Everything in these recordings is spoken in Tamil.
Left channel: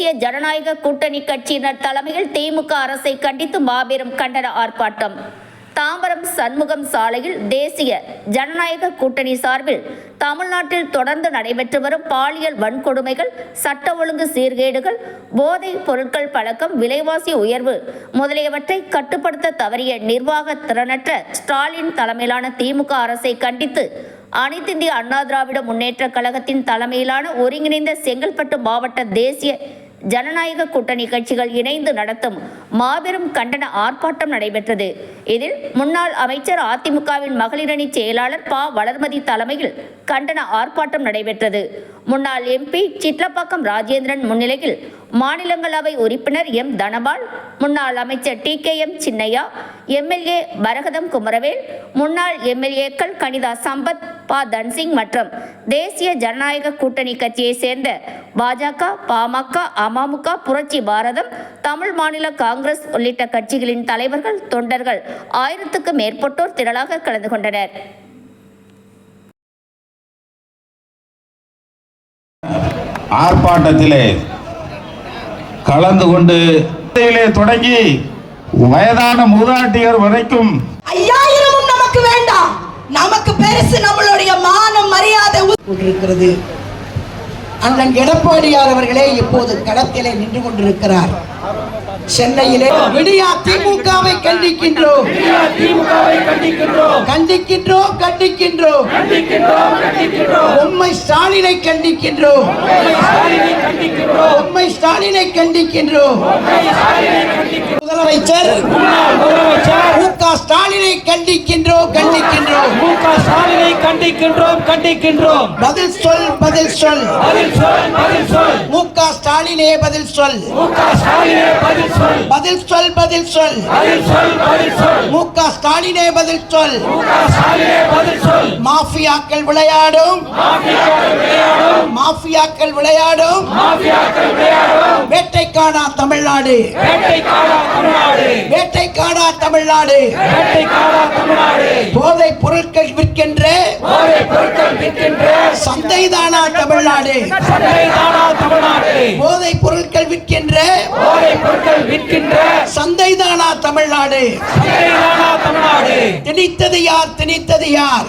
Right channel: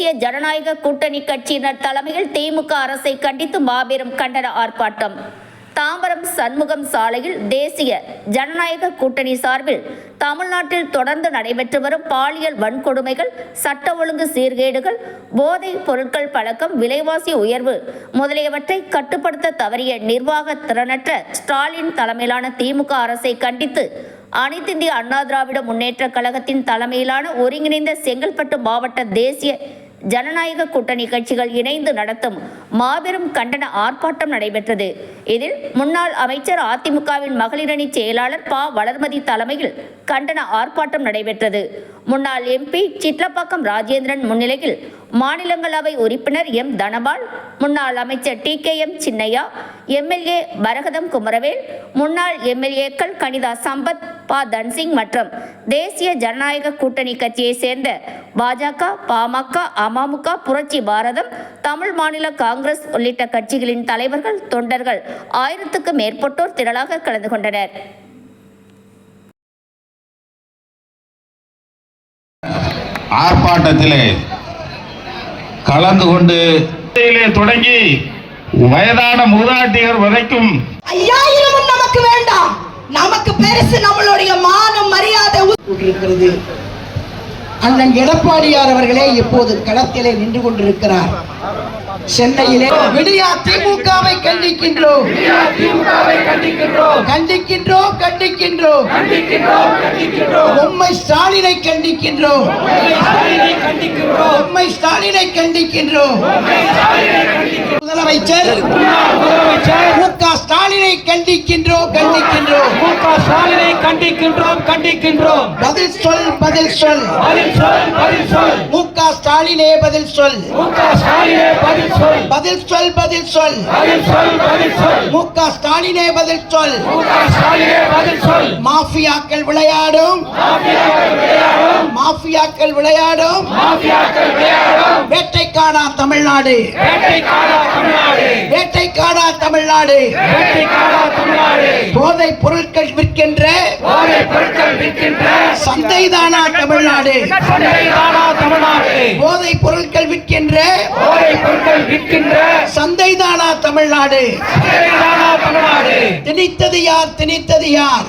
தேசிய ஜனநாயக கூட்டணி கட்சியினர் தலைமையில் திமுக அரசை கண்டித்து மாபெரும் கண்டன ஆர்ப்பாட்டம். தாம்பரம் சண்முகம் சாலையில் தேசிய ஜனநாயக கூட்டணி சார்பில் தமிழ்நாட்டில் தொடர்ந்து நடைபெற்று வரும் பாலியல் வன்கொடுமைகள், சட்ட ஒழுங்கு சீர்கேடுகள், போதைப் பொருட்கள் பழக்கம், விலைவாசி உயர்வு முதலியவற்றை கட்டுப்படுத்த தவறிய நிர்வாக திறனற்ற ஸ்டாலின் தலைமையிலான திமுக அரசை கண்டித்து அனைத்திந்திய அண்ணா திராவிட முன்னேற்ற கழகத்தின் தலைமையிலான ஒருங்கிணைந்த செங்கல்பட்டு மாவட்ட தேசிய ஜனநாயக கூட்டணி கட்சிகள் இணைந்து நடத்தும் மாபெரும் கண்டன ஆர்ப்பாட்டம் நடைபெற்றது. இதில் முன்னாள் அமைச்சர், அதிமுகவின் மகளிரணி செயலாளர் ப. வளர்மதி தலைமையில் கண்டன ஆர்ப்பாட்டம் நடைபெற்றது. முன்னாள் எம்பி சிட்லப்பாக்கம் ராஜேந்திரன் முன்னிலையில் மாநிலங்களவை உறுப்பினர் எம். தனபால், முன்னாள் அமைச்சர் டி.கே.எம். சின்னையா, எம்எல்ஏ பரகதம் குமரவேல், முன்னாள் எம்எல்ஏக்கள் கனிதா சம்பத், ப. தன்சிங் மற்றும் தேசிய ஜனநாயக கூட்டணி கட்சியை சேர்ந்த பாஜக, பாமக, அமமுக, புரட்சி பாரதம், தமிழ் மாநில காங்கிரஸ் உள்ளிட்ட கட்சிகளின் தலைவர்கள், தொண்டர்கள் 1000க்கும் மேற்பட்டோர் திரளாக கலந்து கொண்டனர். ஆர்ப்பாட்டத்திலே கலந்து கொண்டு தொடங்கி வயதான மூதாட்டிகள் வரைக்கும் 5000 நமக்கு வேண்டாம். நமக்கு பெருசு நம்மளுடைய மானம், மரியாதை இருக்கிறது. அண்ணன் எடப்பாடியார் அவர்களே இப்போது களத்திலே நின்று கொண்டிருக்கிறார். சென்னையிலே விடியா திமுகவை கண்டிக்கின்றோம், கண்டிக்கின்றோம், கண்டிக்கின்றோம். உண்மை ஸ்டாலினை கண்டிக்கின்றோம், உண்மை ஸ்டாலினை கண்டிக்கின்றோம். முதலமைச்சர் மு.க. ஸ்டாலினை கண்டிக்கின்றோம், கண்டிக்கின்றோம். கண்டிக்கின்றோம். பதில் சொல், பதில் சொல். மு.க. ஸ்டாலினே பதில் சொல். பதில் சொல், பதில் சொல். மு.க. ஸ்டாலினே பதில் சொல். மாஃபியாக்கள் விளையாடும், மாஃபியாக்கள் விளையாடும் வேட்டைக்காடா தமிழ்நாடு, வேட்டைக்காடா தமிழ்நாடு. போதைப் பொருட்கள் விற்கின்ற சந்தைதானா தமிழ்நாடு, போதைப் பொருட்கள் விற்கின்ற சந்தைதானா தமிழ்நாடு. திணித்தது யார், திணித்தது யார்,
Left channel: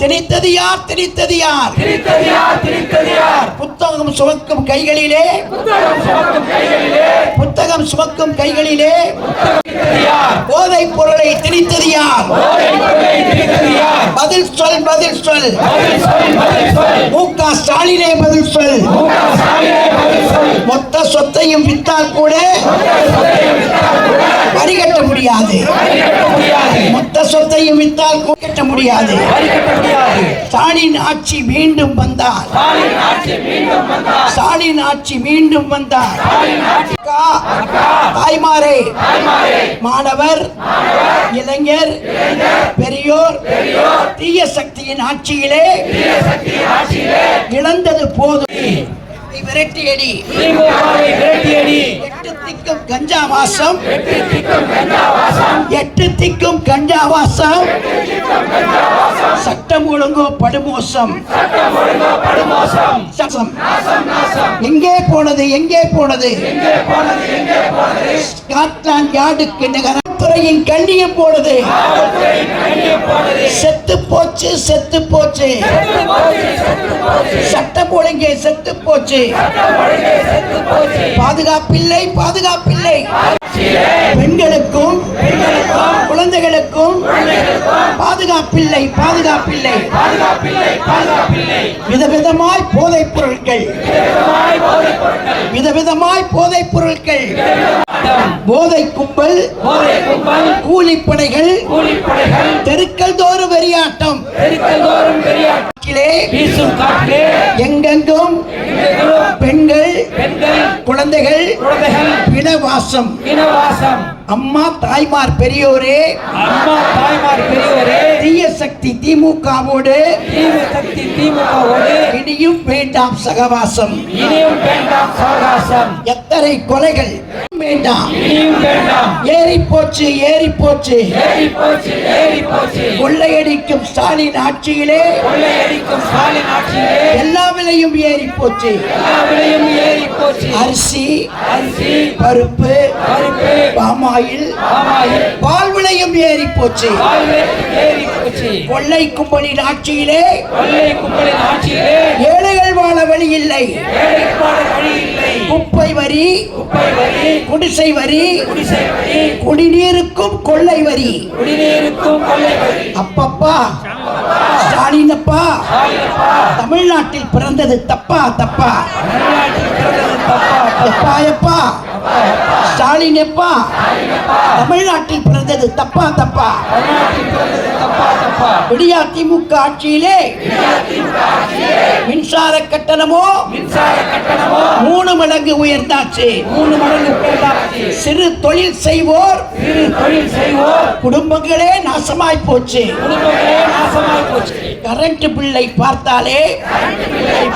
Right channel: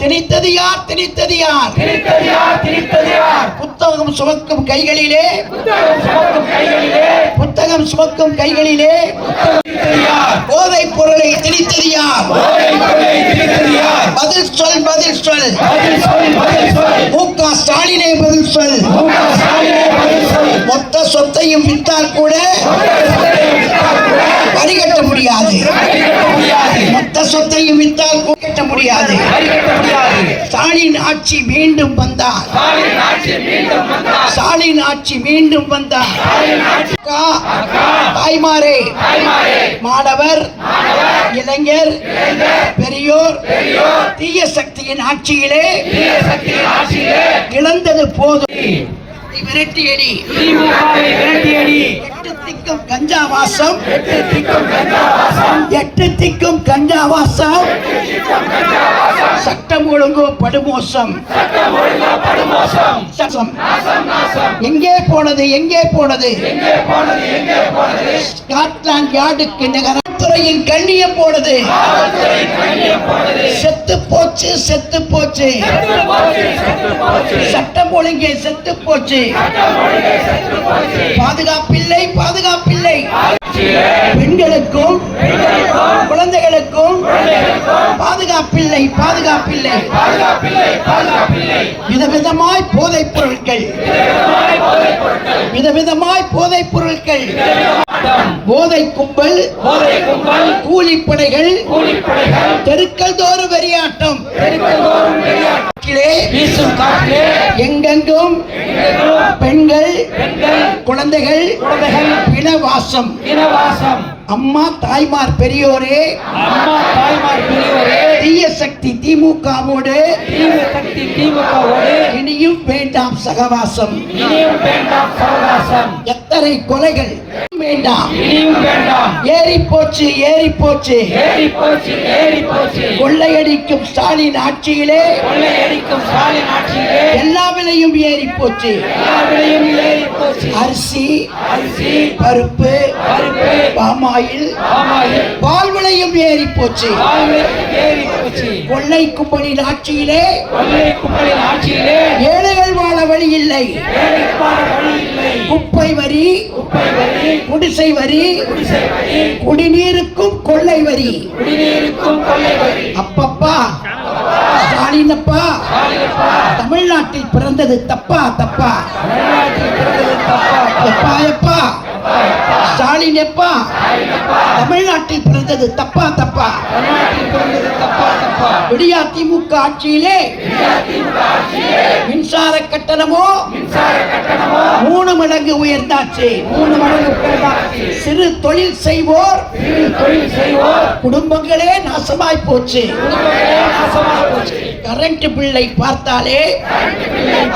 திணித்தது யார், திணித்தது யார். புத்தகம் சுமக்கும் கைகளிலே, புத்தகம் சுமக்கும் கைகளிலே போதைப் பொருளை திணித்தது யார்? பதில் சொல், பதில் சொல். மு.க. ஸ்டாலினே பதில் சொல். மொத்த சொத்தையும் வித்தால் கூட வரிகட்ட முடியாது, மொத்த சொத்தையும் வித்தால் கட்ட முடியாது. ஸ்டாலின் ஆட்சி மீண்டும் வந்தார், ஸ்டாலின் ஆட்சி மீண்டும் வந்தார். தாய்மாரே, மாணவர், இளைஞர், பெரியோர், தீய சக்தியின் ஆட்சியிலே இழந்தது போதும். விரட்டியடி, எட்டு திக்கும் கஞ்சா வாசம், எட்டு திக்கும் கஞ்சா வாசம். சட்டம் ஒழுங்கு படுமோசம், எங்கே போனது, எங்கே போனது? ஸ்காட்லாந்து யார்டுக்கு நகரத்துறையின் கண்ணியம் போனது. செத்து போச்சு, செத்து போச்சு. சட்டம் ஒழுங்கே செத்து போச்சு. பாதுகாப்பில்லை, பாதுகாப்பில்லை. பெண்களுக்கும் குழந்தைகளுக்கும் பாதுகாப்பில்லை, பாதுகாப்பில்லை. விதவிதமாய் போதைப் பொருட்கள், விதவிதமாய் போதைப் பொருட்கள். போதை கும்பல், கூலிப்படைகள், தெருக்கள் தோறும் வெறியாட்டம். எங்கெங்கும் பெண்கள், குழந்தைகள் இனவாசம். அம்மா தாய்மார் பெரியோரே, தீய சக்தி திமுகவோடு இனியும் வேண்டாம் சகவாசம். எத்தனை கொலைகள், வேண்டாம் இனியும் வேண்டாம். ஏறி போச்சு ஏறி போச்சு ஏறி போச்சு ஏறி போச்சு. கொள்ளையடிக்கும் ஸ்டாலின் ஆட்சியிலே கொள்ளையடிக்கும் ஸ்டாலின் ஆட்சியிலே எல்லா விலையும் ஏறி போச்சு. எல்லா விலையும் ஏறி போச்சு. அரிசி அரிசி, பருப்பு பருப்பு, பாமாயில் பாமாயில், பால் விலையும் ஏறி போச்சு. பால் விலையும் ஏறி போச்சு. கொள்ளை கும்பலின் ஆட்சியிலே கொள்ளை கும்பலின் ஆட்சியிலே ஏழைகள் வாழ வழி இல்லை. ஏழைக்கு வாழ வழி இல்லை. குப்பை வரி, குப்பை வரி, குடிசை வரி, குடிசை வரி, குடிநீருக்கும் கொள்ளை வரி. குடிநீருக்கும் கொள்ளை வரி. அப்பப்பா ஸ்டாலின் அப்பா, தமிழ்நாட்டில் பிறந்தது தப்பா தப்பா? தமிழ்நாட்டில் பிறந்தது தப்பா எப்பா எப்பா ஸ்டாலின் எப்பா, தமிழ்நாட்டில் பிறந்தது தப்பா தப்பா? தமிழ்நாட்டில் பிறந்தது தப்பா தப்பா? விடியா திமுக ஆட்சியிலே மின்சார கட்டணமோ மின்சார கட்டணமோ 3 மடங்கு உயர்ந்தாச்சு. 3 மடங்கு உயர்ந்தாச்சு. சிறு தொழில் செய்வோர் சிறு தொழில் செய்வோர் குடும்பங்களே நாசமாய் போச்சு. குடும்பங்களே நாசமாய் போச்சு. கரண்ட் பில்லை பார்த்தாலே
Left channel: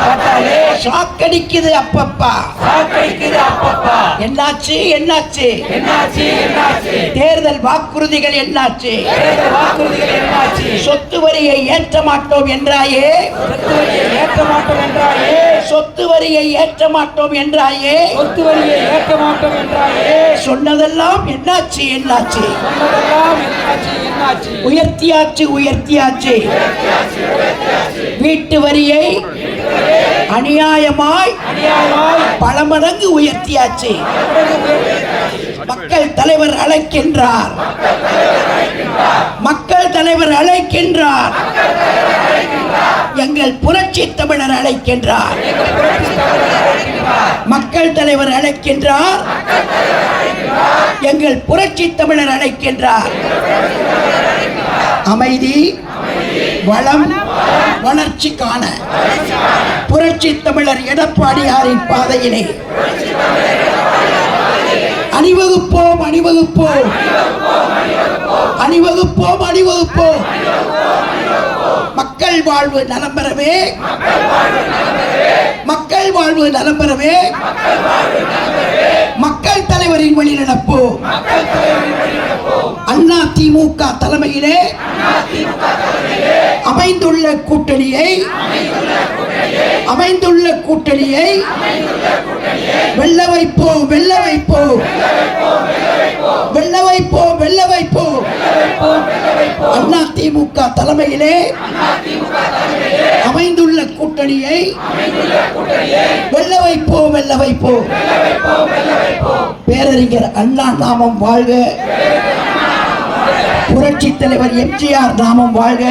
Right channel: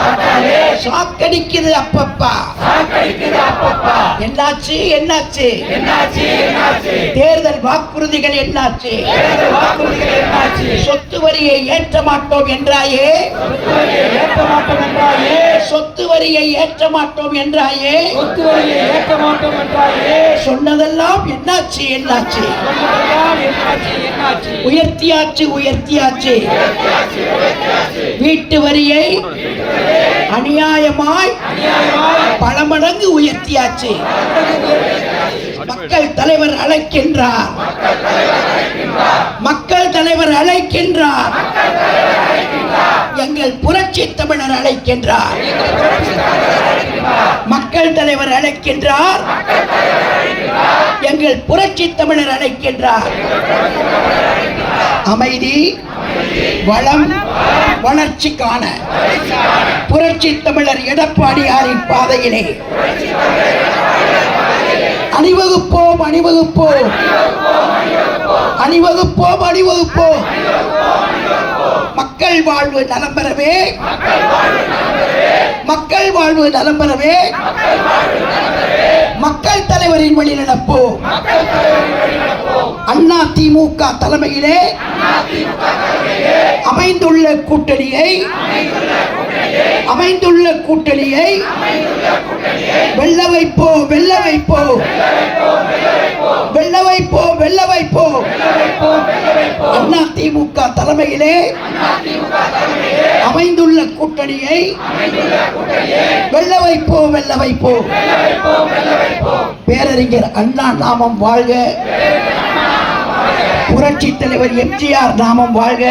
பார்த்தாலே ஷாக்கடிக்குது அப்பப்பா. சாக்கடிக்குது அப்பப்பா. என்னாச்சு என்னாச்சு? என்னாச்சு என்னாச்சு? தேர்தல் வாக்குறுதிகள் என்னாச்சு? தேர்தல் வாக்குறுதிகள் என்னாச்சு? சொத்து வரியை ஏற்ற மாட்டோம் என்றாயே, சொத்து வரியை ஏற்ற மாட்டோம் என்றாயே, சொத்து வரியை ஏற்ற மாட்டோம் என்றாயே, சொத்து வரியை ஏற்ற மாட்டோம் என்றாயே, சொன்னதெல்லாம் என்னாச்சு என்னாச்சு? சொன்னதெல்லாம் என்னாச்சு என்னாச்சு? உயர்த்தியாச்சு உயர்த்தியாச்சு. வீட்டு வரியை அநியாயமாய் பல மடங்கு உயர்த்தியாச்சு. மக்கள் தலைவர் அழைக்கின்றார், மக்கள் தலைவர் அழைக்கின்றார், எங்கள் புரட்சி தமிழர் அழைக்கின்றார், மக்கள் தலைவர் அழைக்கின்றார், எங்கள் புரட்சி தமிழர் அழைக்கின்றார். அமைதி, வளம், வளர்ச்சிக்கான புரட்சி தமிழர் எடப்பாடியாரின் பாதையிலே அணிவகுப்போம் அணிவகுப்போம் அணிவகுப்போம் அணிவகுப்போம். மக்கள் வாழ்வு நலம் பெறவே, மக்கள் வாழ்வு நலம் பெறவே மக்கள் தலைவரின் வழி நடப்போம். அண்ணா திமுக தலைமையிலே அமைந்துள்ள கூட்டணியை வெல்ல வைப்போம் வெல்ல வைப்போம் வெல்ல வைப்போம் வெல்ல வைப்போம். அண்ணா திமுக தலைமையிலே அமைந்துள்ள கூட்டணியை வெல்ல வைப்போம் வெல்ல வைப்போம். பேரறிஞர் அண்ணா நாமம் வாழ்க, புரட்சி தலைவர் எம்ஜிஆர் நாமம் வாழ்க,